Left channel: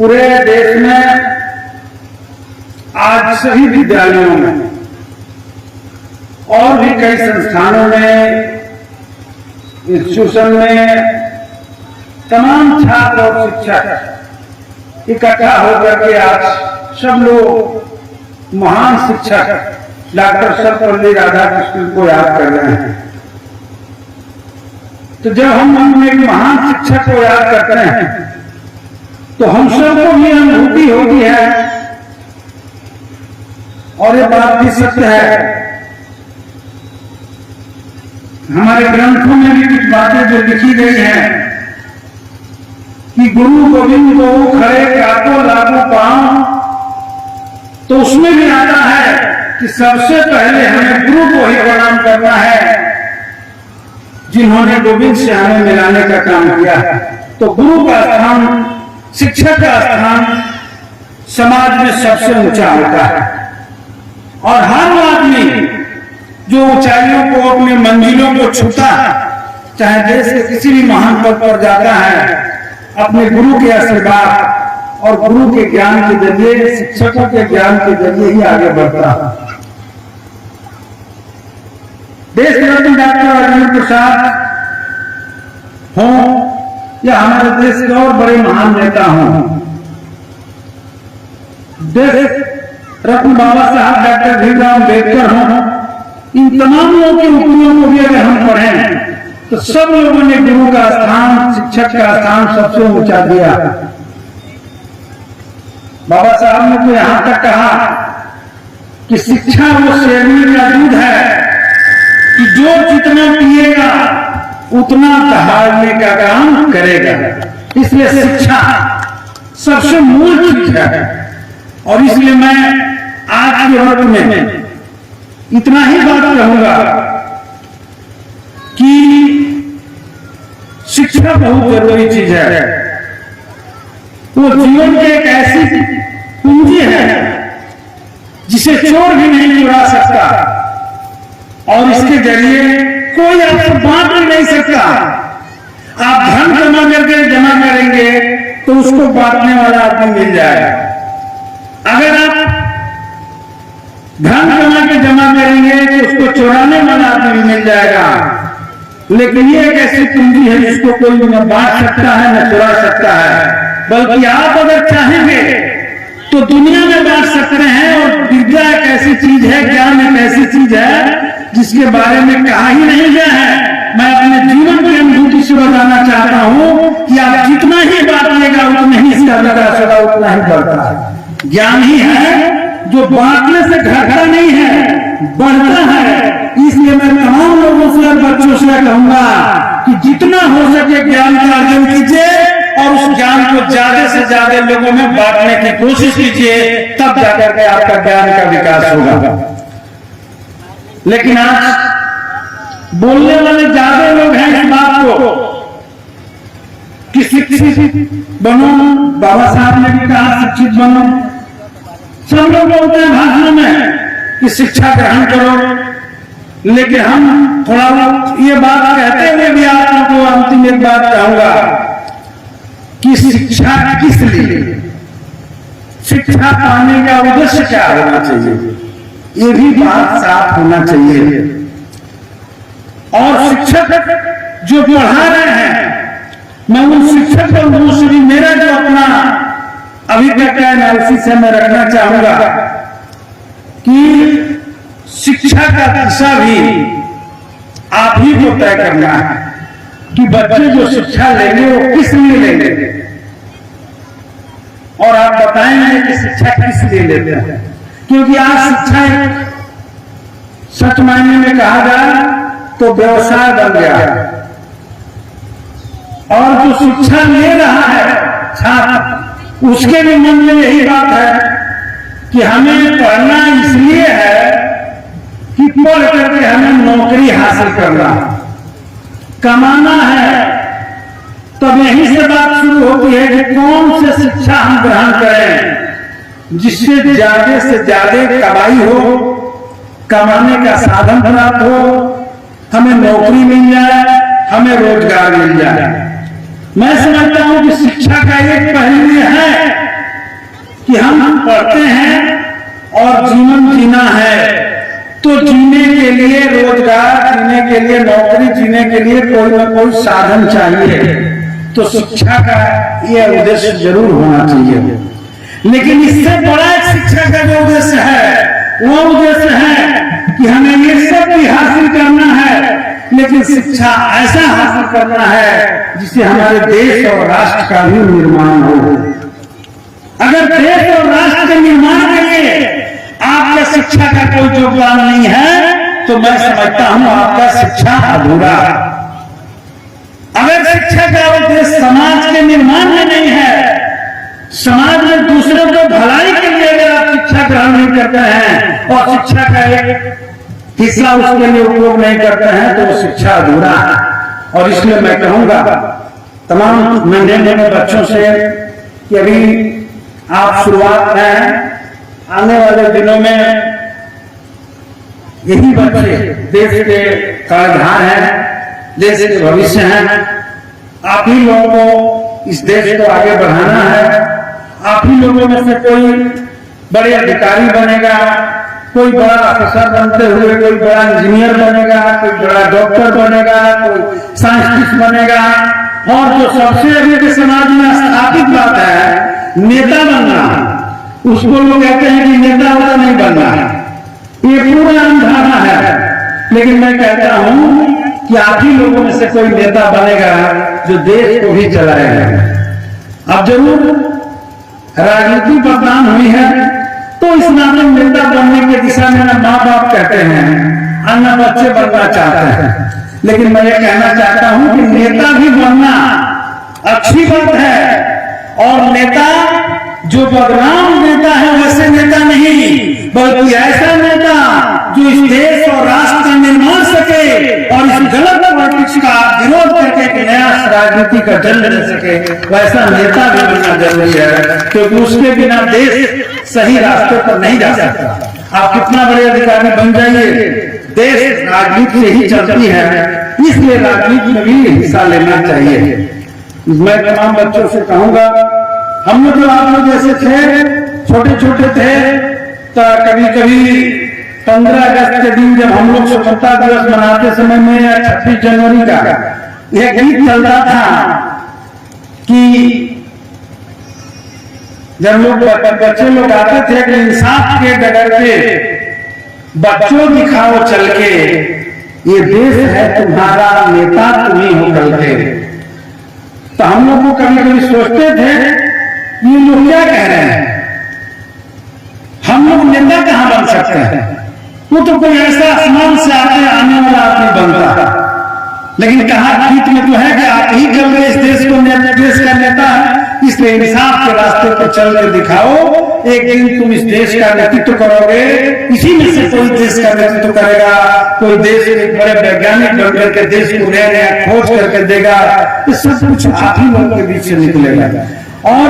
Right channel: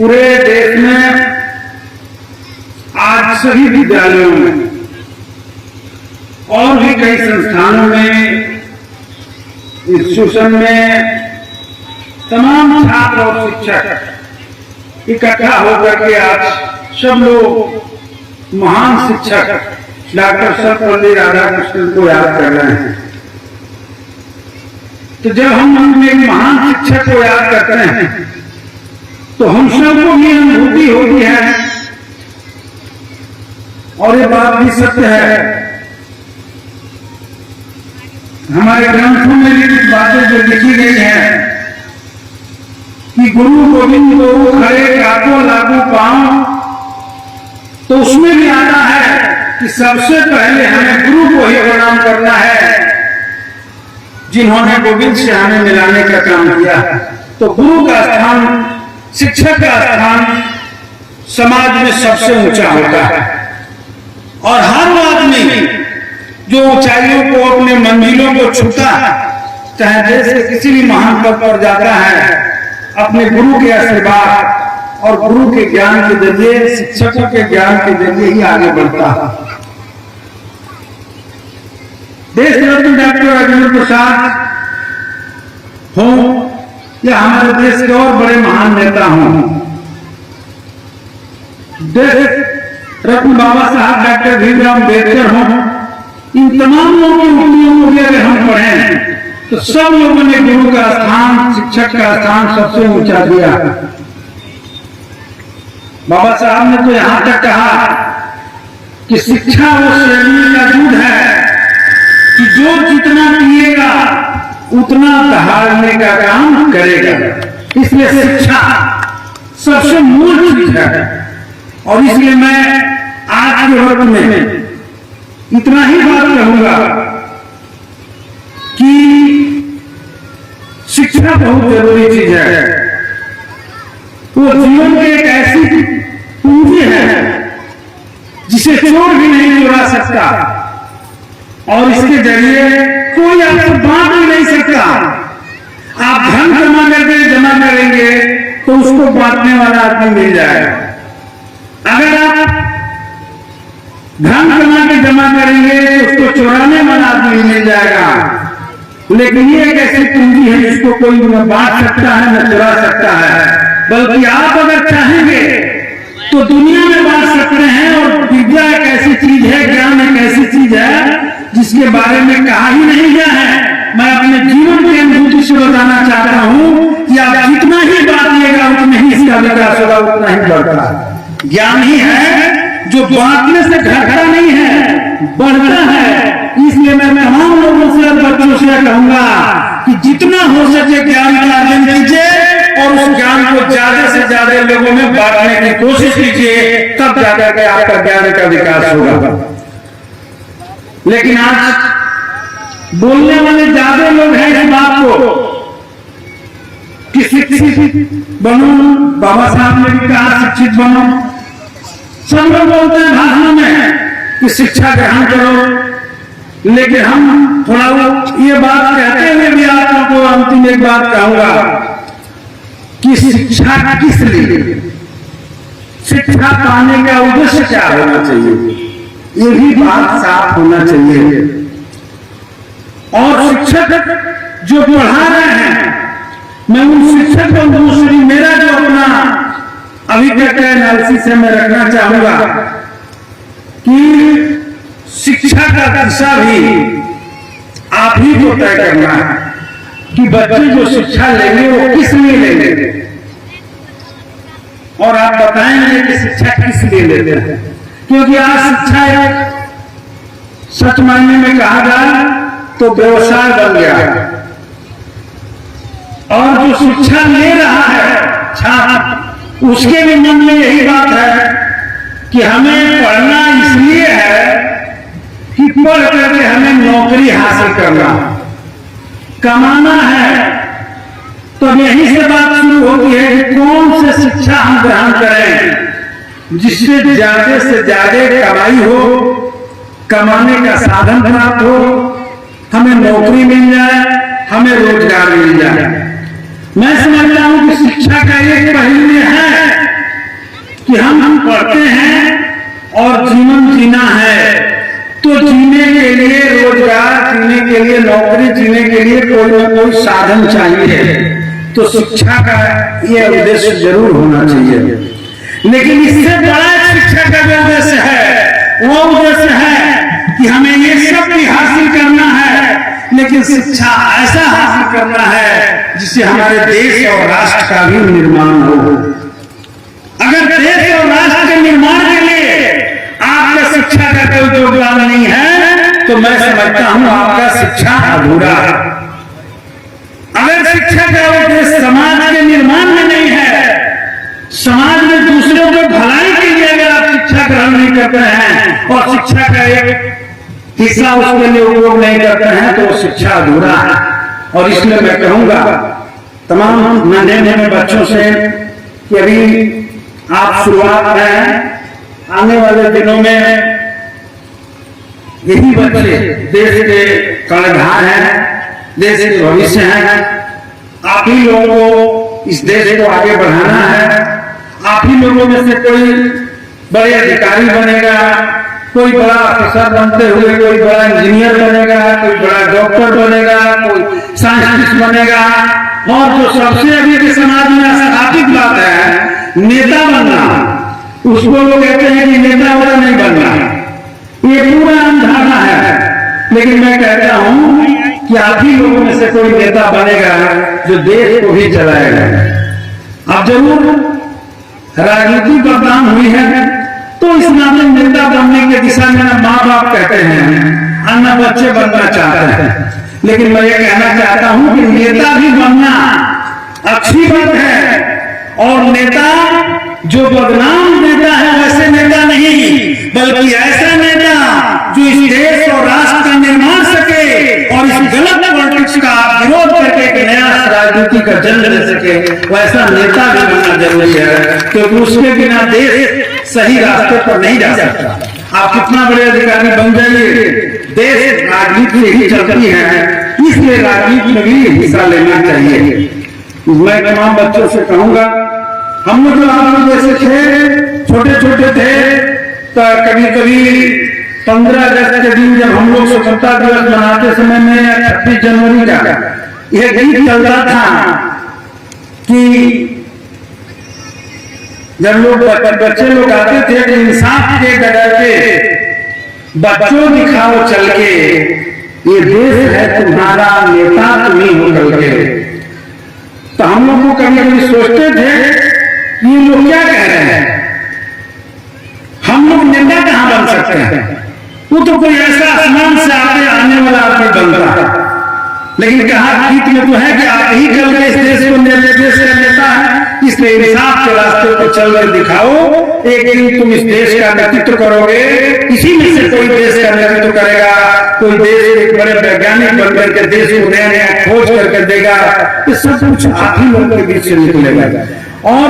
पूरे देश में आज सभी विद्यालयों में और भी कई संस्थानों में, इंस्टीट्यूशन में तमाम छात्र और शिक्षक इकट्ठा होकर के आज सब लोग महान शिक्षक डॉक्टर सर्वपल्ली राधाकृष्णन को याद कर रहे हैं। तो जब हम एक महान शिक्षक को याद करते हैं तो हम सबको भी अनुभूति होती है, और ये बात भी सत्य है। हमारे ग्रंथों में भी कुछ बातें जो लिखी गई हैं कि गुरु गोविंद को खड़े काको लागू पांव, तो उसमें भी आता है कि सबसे पहले हमें गुरु को ही प्रणाम करना है जिन्होंने गोविंद से हमें मिलाने का काम किया। तो गुरु का स्थान, शिक्षक का स्थान समाज में सबसे ऊंचा होता है, और हर आदमी जो ऊंचाइयों को, अपने मंजिलों को छूता है, चाहे देश के किसी भी महान पद पर जाता है, अपने गुरु के आशीर्वाद और गुरु के ज्ञान के जरिए, शिक्षकों के ज्ञान के जरिए ही आगे बढ़ता है। देश रत्न डॉक्टर राजेंद्र प्रसाद हो या हमारे देश के और बड़े महान नेता हों, देश रत्न बाबा साहब डॉक्टर भीमराव अम्बेडकर हों, इन तमाम लोगों की उपलब्धियों को भी अगर हम पढ़ें तो सब लोगों ने गुरु का स्थान, शिक्षक का स्थान सबसे ऊंचा दिया। बाबा साहब ने तो यहां तक कहा कि शिक्षा वो शेरनी का दूध है कि जो जितना पिएगा उतना दहाड़ने का काम करेगा। इसलिए शिक्षा सबसे मूल चीज है, और इसलिए मैं आज के वक्त में इतना ही बात कहूंगा कि शिक्षा बहुत जरूरी चीज है। वो जीवन की एक ऐसी पूंजी है जिसे चोर भी नहीं चुरा सकता, और इसके जरिए कोई आपको बांट भी नहीं सकता। आप धन जमा करेंगे तो उसको बांटने वाला आदमी मिल जाएगा। अगर आप धन जमा करेंगे तो उसको चुराने वाला आदमी मिल जाएगा। लेकिन ये एक ऐसी पूंजी है जिसको कोई न बांट सकता है न चुरा सकता है, बल्कि आप अगर चाहेंगे तो दुनिया में बांट सकते हैं। और विद्या एक ऐसी चीज है, ज्ञान एक ऐसी चीज है जिसके बारे में कहा ही नहीं गया है। मैं अपने जीवन की अनुभूति से बताना चाहता हूं कि आप जितना ही बांटिएगा उतना ही इसका विकास होगा, उतना ही बढ़ता। ज्ञान ही है जो बांटने से घटता नहीं है, बढ़ता है। इसलिए मैं तमाम लोगों से और बच्चों से कहूंगा कि जितना हो सके ज्ञान का अर्जन कीजिए और उस ज्ञान को ज्यादा से ज्यादा लोगों में बांटने की कोशिश कीजिए, तब जाकर के आपका ज्ञान का विकास होगा। लेकिन आज बोलने वाले ज्यादा लोग हैं इस बात को कि शिक्षित बनो, बाबा साहब ने भी कहा शिक्षित बनो। सब लोग बोलते हैं भाषणों में कि शिक्षा ग्रहण करो, लेकिन हम थोड़ा ये बात कहते हुए भी आप लोगों को अंतिम एक बात कहूंगा कि शिक्षा किस लिए, शिक्षा पाने का उद्देश्य क्या होना चाहिए, ये भी बात साफ होना चाहिए। और शिक्षक जो पढ़ा रहे हैं, मैं उन शिक्षक बंधुओं से भी मेरा जो अपना अभिज्ञता एनालिसिस से मैं रखना चाहूंगा कि शिक्षा का दिशा भी आप ही को तय करना है कि बच्चे जो शिक्षा लेंगे वो किस लिए लेंगे, और आप बताएंगे कि शिक्षा किस लिए लेते हैं। क्योंकि आज शिक्षा सच मायने में कहा जाए तो व्यवसाय बन गया है, और जो शिक्षा ले रहा है छात्र, उसके भी मन में यही बात है कि हमें पढ़ना इसलिए है कि पढ़ करके हमें नौकरी हासिल करना है, कमाना है। तब यहीं से बात शुरू होती है कि कौन से शिक्षा हम ग्रहण करें जिससे ज्यादा से ज्यादा कमाई हो, कमाने का साधन प्राप्त हो, हमें नौकरी मिल जाए, हमें रोजगार मिल जाए। मैं समझता हूं कि शिक्षा का एक पहलू है कि हम पढ़ते हैं और जीवन जीना है, तो जीने के लिए रोजगार, जीने के लिए नौकरी, जीने के लिए कोई न कोई साधन चाहिए। तो शिक्षा का यह उद्देश्य जरूर होना चाहिए। लेकिन इससे बड़ा शिक्षा का जो उद्देश्य है वो उद्देश्य है कि हमें ये सब भी हासिल करना है, लेकिन शिक्षा ऐसा हासिल करना है जिससे हमारे देश और राष्ट्र का भी निर्माण हो। अगर देश और राष्ट्र के निर्माण के लिए आपका शिक्षा का कोई योगदान नहीं है तो मैं समझता हूं आपका शिक्षा अधूरा है। अगर शिक्षा का उद्देश्य समाज के निर्माण में नहीं है, समाज में दूसरों को भलाई के लिए अगर आप शिक्षा ग्रहण नहीं करते हैं और शिक्षा का एक हिस्सा उसके लिए उपयोग नहीं करते हैं तो शिक्षा अधूरा है। और इसलिए मैं कहूंगा तमाम नन्हे नन्हे बच्चों से कि अभी आप शुरुआत हैं, आने वाले दिनों में यही बच्चे देश के कर्णधार हैं, देश के भविष्य हैं। आप ही लोगों को इस देश को आगे बढ़ाना है। आप ही लोगों में से कोई बड़े अधिकारी बनेगा, कोई बड़ा अफसर बनते हुए कोई बड़ा इंजीनियर बनेगा, कोई बड़ा डॉक्टर बनेगा, कोई साइंटिस्ट बनेगा, और जो सबसे अभी के समाज में स्थापित बात है नेता बनना, उसको लोग कहते हैं कि नेता वाला नहीं बनना। ये पूरा अंधारा है। लेकिन मैं कहता हूं कि आप ही लोगों में से कोई नेता बनेगा जो देश को भी चलाएगा। अब जरूर राजनीति बदनाम हुई है तो इस नाते नेता बनने की दिशा में माँ बाप कहते हैं, अन्य बच्चे बनना चाहते हैं। लेकिन मैं ये कहना चाहता हूं कि नेता भी बनना अच्छी बात है, और नेता जो बदनाम नेता है वैसे नेता नहीं, बल्कि ऐसा नेता जो इस देश और राष्ट्र का निर्माण सके और इस गलत पॉलिटिक्स का विरोध करके एक नया राजनीति का जन्म दे सके, वैसा नेता भी बनना जरूरी है, क्योंकि उसके बिना देश सही रास्ते पर नहीं जा सकता। आप कितना बड़े अधिकारी बन जाइए, देश राजनीति से ही चलती है, इसलिए राजनीति में भी हिस्सा लेना चाहिए। मैं तमाम बच्चों से कहूंगा, हम लोग आप लोग जैसे थे, छोटे छोटे थे, तो कभी कभी 15 अगस्त के दिन जब हम लोग स्वतंत्रता दिवस मनाते समय में 26 जनवरी का यह गीत चल रहा था कि जब लोग बच्चे लोग आते थे कि इंसाफ के डगर पे बच्चों दिखाओ चल के, ये देश है तुम्हारा, नेता तुम ही हो कल के। तो हम लोग को कभी कभी सोचते थे ये लोग क्या कह रहे हैं, हम लोग नेता कहां बन सकते हैं, वो तो कोई ऐसा आसमान से आने वाला आदमी बनता। लेकिन कहा गीत में तो है कि आप ही कल इस देश को देश का नेता है, इसलिए इंसाफ के रास्ते पर चल कर दिखाओ, एक दिन तुम इस देश का नेतृत्व करोगे, इसी में से कोई देश का नेतृत्व करेगा, कोई देश एक बड़े वैज्ञानिक बन करके देश को नया नया खोज करके देगा। ये सब कुछ आप ही लोगों के बीच से निकलेगा, और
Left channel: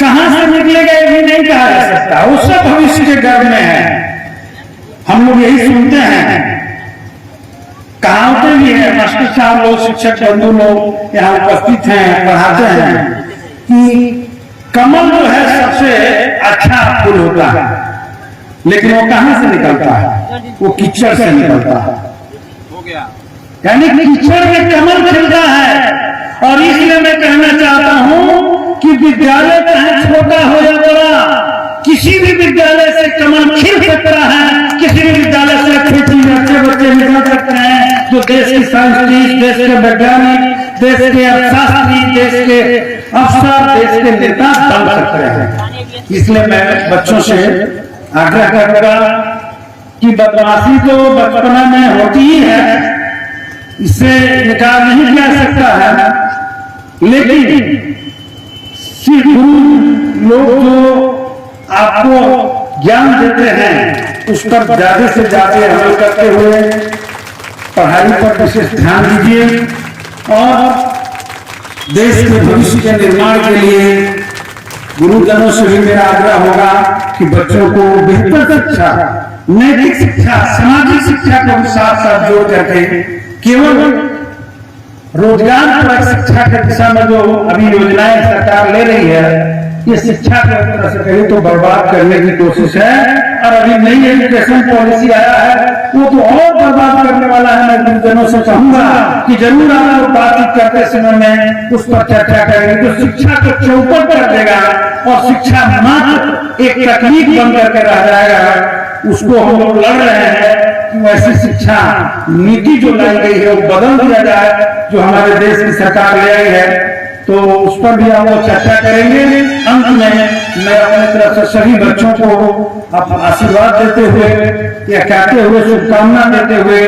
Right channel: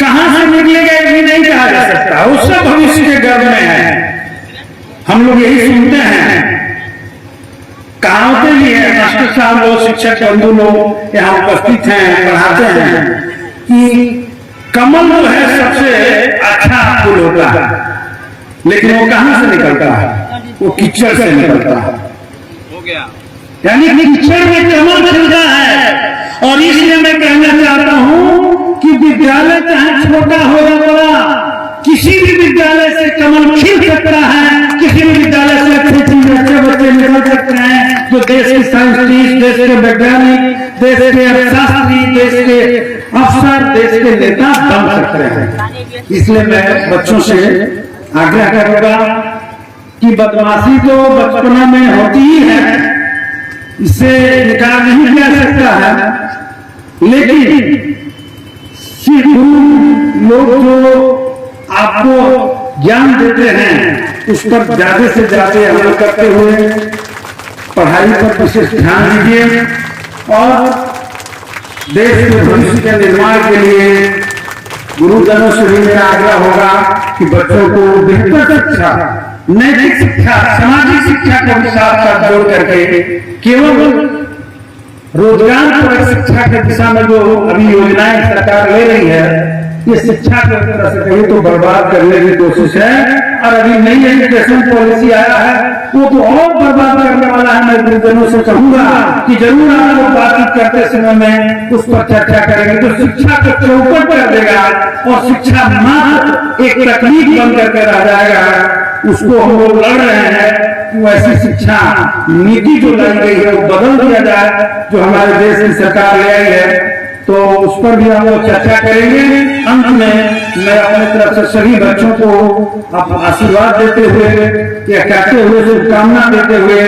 कहां से निकलेगा ये भी नहीं कहा जा सकता, वो सब भविष्य के गर्भ में है। हम लोग यही सुनते हैं, कहावतें भी है, मास्टर साहब लोग, शिक्षक बंधु लोग यहाँ उपस्थित हैं, पढ़ाते हैं कि कमल जो है सबसे अच्छा फूल होता है, लेकिन वो कहां से निकलता है, वो कीचड़ से निकलता है। यानी कीचड़ में कमल खिलता है। और इसलिए मैं कहना चाहता हूं कि विद्यालय चाहे छोटा हो या बड़ा, किसी भी विद्यालय से कमल खिल सकता है, किसी भी विद्यालय से अच्छे बच्चे निकल सकते हैं जो देश के साइंटिस्ट, देश के वैज्ञानिक, देश के अर्थशास्त्री, देश के अफसर, देश के नेता बन सकते हैं। इसलिए मैं बच्चों से आग्रह करूंगा कि बदमाशी तो बचपना में होती ही है, इससे इनकार नहीं किया सकता है, लेकिन गुरु लोग जो आपको ज्ञान देते हैं उस पर ज्यादा से ज्यादा अमल करते हुए पढ़ाई पर विशेष ध्यान दीजिए, और देश के भविष्य के निर्माण के लिए गुरुजनों से भी मेरा आग्रह होगा कि बच्चों को बेहतर शिक्षा, नैतिक शिक्षा, सामाजिक शिक्षा के साथ साथ जोड़ करके केवल रोजगार परक शिक्षा की दिशा में जो अभी योजनाएं सरकार ले रही है, ये शिक्षा को एक तरह से कहीं तो बर्बाद करने की कोशिश है। और अभी नई एजुकेशन पॉलिसी आया है, वो तो और बर्बाद करने वाला है। मैं गुरुजनों से कहूंगा कि जरूर आप लोग बातचीत करते समय में उस पर चर्चा करेंगे, जो शिक्षा को चौपट कर देगा और शिक्षा मात्र एक तकनीक बन करके रह जाएगा। उसको हम लोग लड़ रहे हैं कि वैसी शिक्षा नीति जो लाई गई है वो बदल दिया जाए, जो हमारे देश की सरकार ले आई है। तो उस पर भी हम लोग चर्चा करेंगे। अंत में मैं अपने तरफ से सभी बच्चों को आशीर्वाद देते हुए या कहते हुए, शुभकामना देते हुए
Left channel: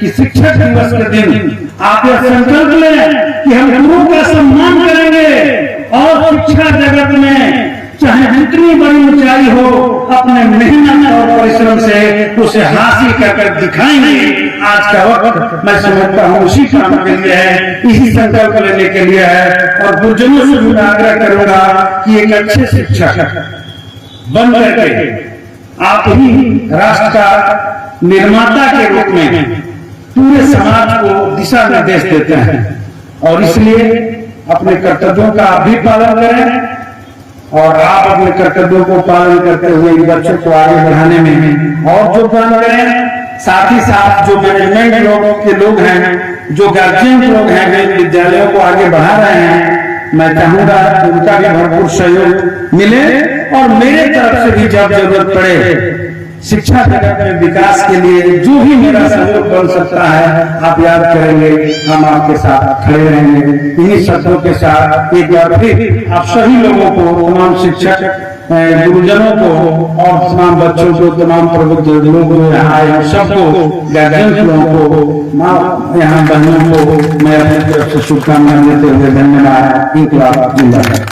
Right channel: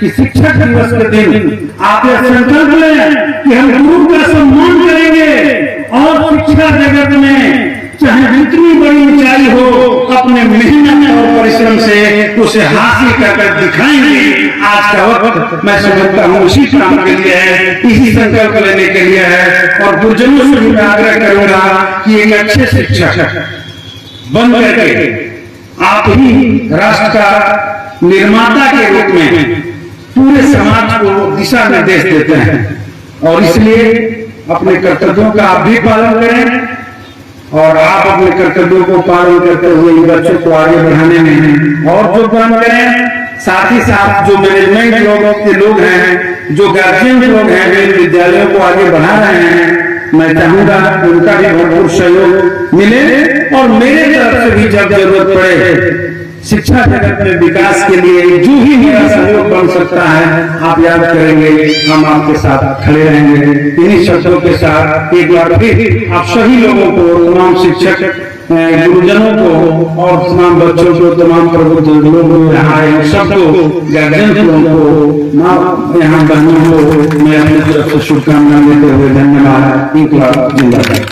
कि शिक्षक दिवस के दिन आप यह संकल्प लें कि हम गुरु का सम्मान करेंगे और शिक्षा जगत में चाहे जितनी बड़ी ऊंचाई हो, अपने मेहनत और परिश्रम से उसे हासिल कर दिखाएंगे। आज का वक्त मैं समझता हूँ उसी काम के लिए है, इसी संकल्प लेने के लिए है। और गुरुजनों से भी मैं आग्रह करूंगा कि एक अच्छे शिक्षक बन करके आप ही राष्ट्र का निर्माता के रूप में पूरे समाज को दिशा निर्देश देते हैं। और इसलिए अपने कर्तव्यों का आप भी पालन करें और आप अपने कर्तव्यों को पालन करते हुए इन बच्चों को आगे बढ़ाने में और योगदान करें। साथ ही साथ जो मैनेजमेंट के लोग हैं, जो गार्जियन लोग हैं, विद्यालयों को आगे बढ़ा रहे हैं, मैं चाहूंगा कि उनका भी भरपूर सहयोग मिले। और मेरे तरफ से भी जब जरूरत पड़े शिक्षा जगत में विकास के लिए जो भी मेरा सहयोग बन सकता है, आप याद करेंगे, हम आपके साथ खड़े रहेंगे। इन्हीं शब्दों के साथ एक बार फिर आप सभी लोगों को, तमाम शिक्षक गुरुजनों को और तमाम बच्चों को, तमाम प्रबुद्ध लोगों आए सबको, गार्जियन को, यहाँ बहनों को मैं अपनी तरफ से शुभकामनाएं देते हुए धन्यवाद। इंकलाब जिंदाबाद।